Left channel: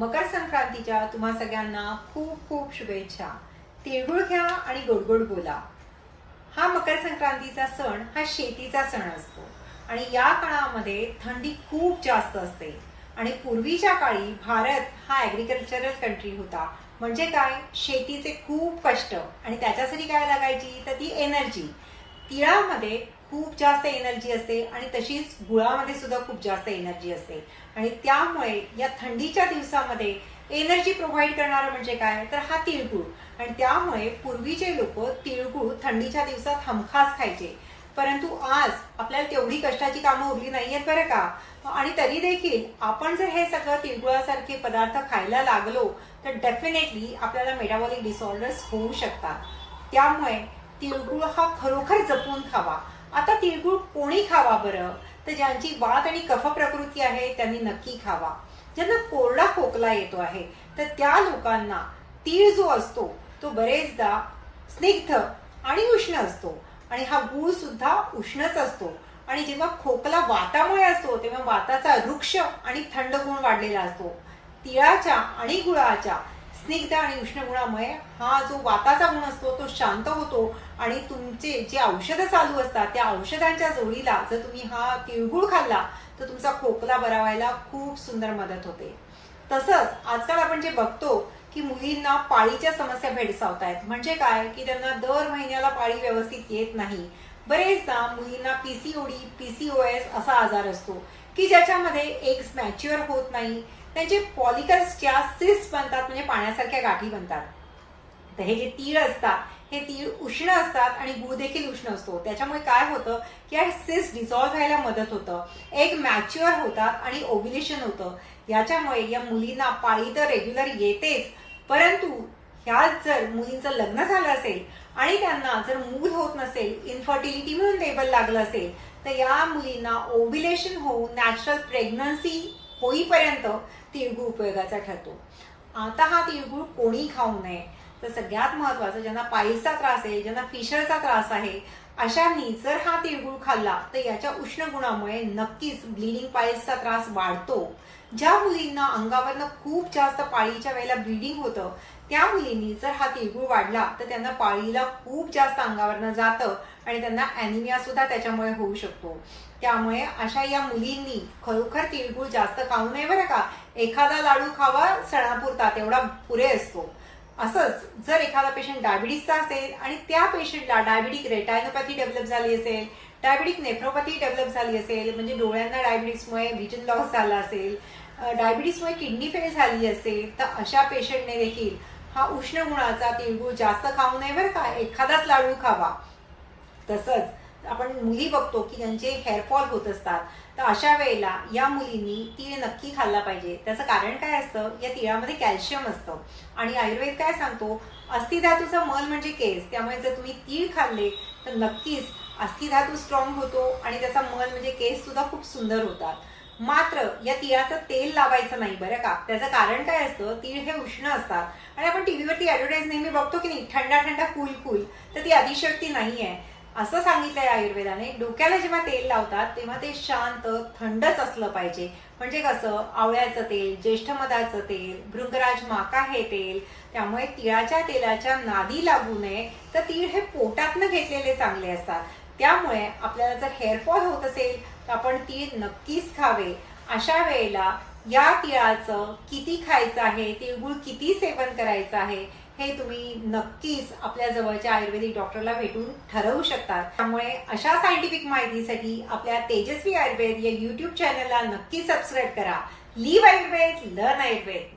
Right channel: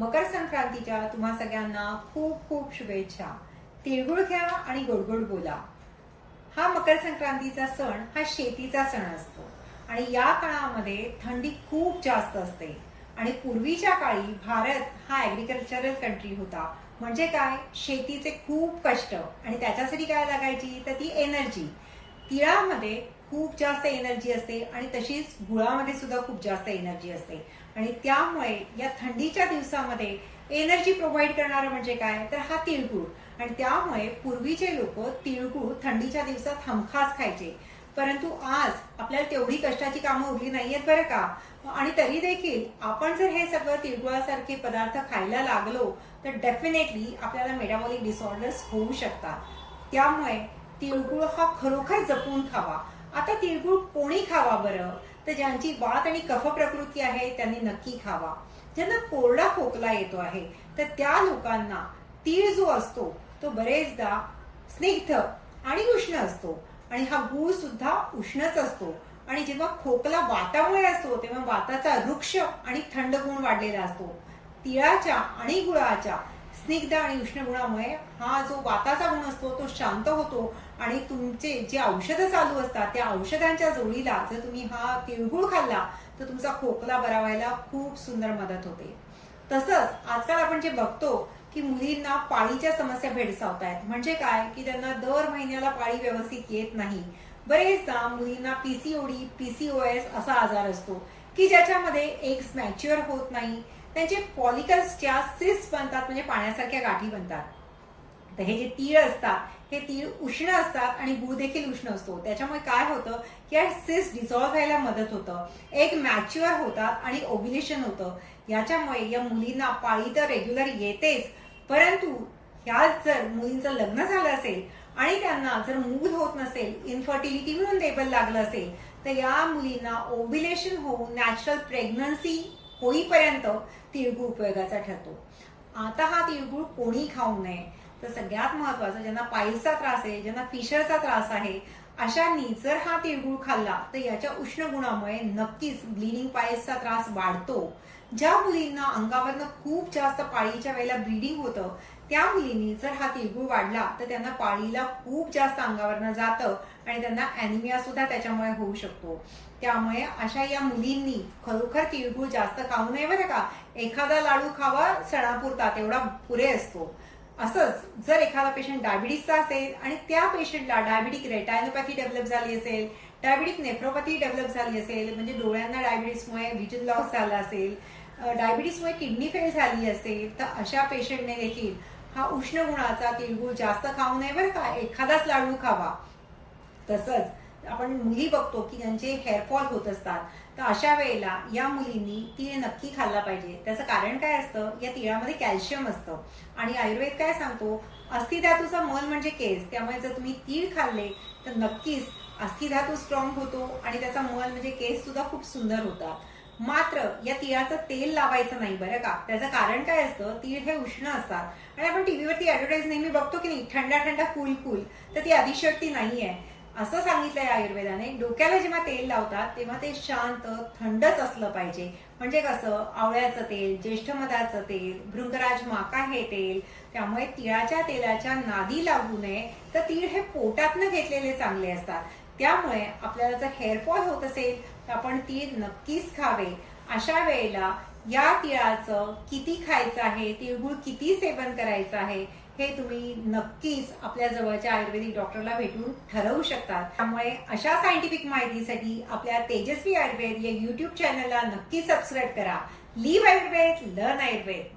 मकर संक्रांतीच्या तुम्हा सगळ्यांना खूप खूप शुभेच्छा। तिळगुळ घ्या आणि गोड गोड बोला। हा मकर संक्रांतीचा सण हा शेतीचा सण असतो आणि या काळामध्ये थंडी खूप जास्त असते आणि पूर्वीच्या काळी भारत हा ऍग्रीकल्चरल कंट्री होता। म्हणजे काय, शेतीचे खूप कष्ट आणि त्याच्यासाठी काय लागायची तर ती एनर्जी। तिळामध्ये खूप जास्त एनर्जी असते आणि तशीच गुळामध्ये सुद्धा खूप जास्त एनर्जी असते आणि त्यामुळे या थंडीच्या दिवसामध्ये एनर्जी प्रोव्हाइड करणारं म्हणजे काय तर हा तिळगुळ। आणि त्यामुळे पूर्वीचे लोक तिळगुळ थंडीच्या दिवसात हमखास खायचे। परंतु आज आपल्याला तेवढी कष्टाची कामं उरली नाहीयेत बरं का। आणि तरी देखील आपण जर हे सगळं तिळगुळासारखे पदार्थ खायला लागलो तर डेफिनेटली आपल्याला मेटाबॉलिक डिसऑर्डर्स होऊ शकतात। त्यामुळे तिळगुळ हा खरोखर जपून खावा। आता तिळगुळ कोणी खावा बरं तर ज्यांची वात आणि कफ प्रकृती आहे त्यांनी नक्की खावा। ज्यांना कोरडा खोकला येतो आहे तर त्या लोकांना तीळ जो असतो तो बरेचदा स्निग्ध आणि उष्ण असतो आणि हा गूळ सुद्धा उष्णच असतो। आणि जेव्हा खोकला वातामुळे असतो तेव्हा वाताचा वृक्ष आणि थंड गुण वाढलेला असतो। तिळाच्या आणि गुळाच्या स्निग्ध आणि उष्ण गुणामुळे हा जो वाताचा गुण असतो तो शांत होतो आणि तुमचे जे औषधं चालू असतात त्या औषधांच्या जोडीला जर तुम्ही हा तिळगुळ खाल्ला तर तुमचा खोकला बरा व्हायला खूप सुंदर मदत होते। तसंच आजकाल आपण जे बघतो की मुलींना पाळीच्या समस्या भेडसावत आहेत। म्हणजे काय की त्यांना दर महिन्याला पाळी व्यवस्थित येत नाही। बरेचदा मुलींना पीसीओडी पीसीओएस असा आजार असतो की ज्याच्यामध्ये एग्स मॅच्युअर होत नाही, त्यांचे फॉलिकल्सच्या सिस्ट बनतात म्हणजे पाण्यासारख्या गाठी बनतात। तर हे जे तीळ असतात हे तीळ उष्ण असतात आणि गुळ देखील उष्ण असतो। त्याच्यामुळे काय होतं की या सिस्ट डिझॉल्व्ह व्हायला मदत होतं, एग मॅच्युअर होतात आणि ओव्ह्युलेशन होतं। याच्यामुळे या मुलींना पाळी तर रेग्युलर येतेच, परंतु ह्याच जर मुलींचं लग्न झालं असेल आणि त्यांना जर मूल होत नसेल, इन्फर्टिलिटी म्हणून लेबल लागलं असेल तर या मुलींना ओव्ह्युलेशन होऊन नॅचरल प्रेग्नन्सी होईपर्यंत तिळगुळ उपयोगाचा ठरतो। आता हा तिळगुळ कोणी खाऊ नये तर सगळ्यात महत्वाचं ज्यांना पाईल्सचा त्रास आहे, ज्यांना फिशरचा त्रास आहे, अशांनी जर हा तिळगुळ खाल्ला तर याच्या उष्ण गुणामुळे नक्कीच ब्लिडिंग पाईल्सचा त्रास वाढतो। ज्या मुलींना अंगावरनं खूप जास्त पाळीच्या वेळेला ब्लिडिंग होतं त्या मुलींनी जर हा तिळगुळ वाढला तर त्यांना पाळीला खूप जास्त अंगावरनं जातं आणि त्यांना अॅनिमिया सुद्धा त्याच्यामुळे होऊ शकतो। त्यामुळे अशा या मुलींनी खरोखर तिळगुळ जास्त खाऊ नये बरं का। एखादा लाडू खावा सणापुरता तेवढा पुरे असतो। असंच जर एखादा पेशंट डायबिटीसचा असेल आणि त्या पेशंटला डायबिटिक रेटायनोपॅथी डेव्हलप झाली असेल, डायबिटिक नेफ्रोपॅथी डेव्हलप झाली असेल, म्हणजे डोळ्यांना डायबिटीसमुळे व्हिजन लॉस झाला असेल, डायबिटीसमुळे किडनी फेल झाली असेल तर अशा पेशंटने देखील हा उष्ण गुणाचा तिळगुळ जास्त खाऊ नये बरं का, एखादाच लाडू खावा। तसंच आपण मुली बघतो की ज्यांचे हेअरफॉल होत असतात तर अशा वेळेला या मुलींनी तीळ नक्की खाल्ला पाहिजे। त्याचं कारण काय असतं, या तिळामध्ये कॅल्शियम असतं आणि आयुर्वेद काय सांगतो, अस्थिधातूचा मल म्हणजे केस। त्यामुळे जर तुम्ही तीळ खाल्ले तर नक्कीच अस्थिधातू स्ट्रॉंग होतो आणि त्याचा मल म्हणजे केस सुद्धा खूप सुंदर होतात। मात्र या तिळाचं तेल लावायचं नाही बरं का। त्याचं कारण काय असतं, तीळ हे उष्ण असतात आणि आपण टीव्हीवरती ऍडव्हर्टाईज नेहमी बघतो की नाही, थंडा थंडा कूल कूल, तर ती अतिशयोक्ती नाहीये असं सांगितलंय आयुर्वेदाने। डोक्याला जेव्हा तेल लावतात तेव्हा ते शांत थंडच असलं पाहिजे। म्हणजे कसं, आवळ्याचं तेल, ज्येष्ठमधाचं तेल, भृंगराज माका हे तेल। त्यामुळे तिळाच्या तेलाच्या नादी लागू नये तर तीळ हे पोटातनं घेतलेले चांगले असतात। त्यामुळे आपल्याला जर हेअरफॉल होत असेल तर आपण तीळ नक्कीच खावे। अशा वेळेला या तिळाचं किती खायचं आहे, तिळगुळ किती सेवन करायचं आहे हे तुम्ही नक्कीच आपल्या जवळच्या आयुर्वेदिक डॉक्टरला भेटून ठरवू शकता। त्यामुळे अशा सायंटिफिक माहितीसाठी आपल्या तेजस्वी आयुर्वेद या युट्यूब चॅनलला नक्की सबस्क्राईब करा। Live Ayurveda, learn Ayurveda.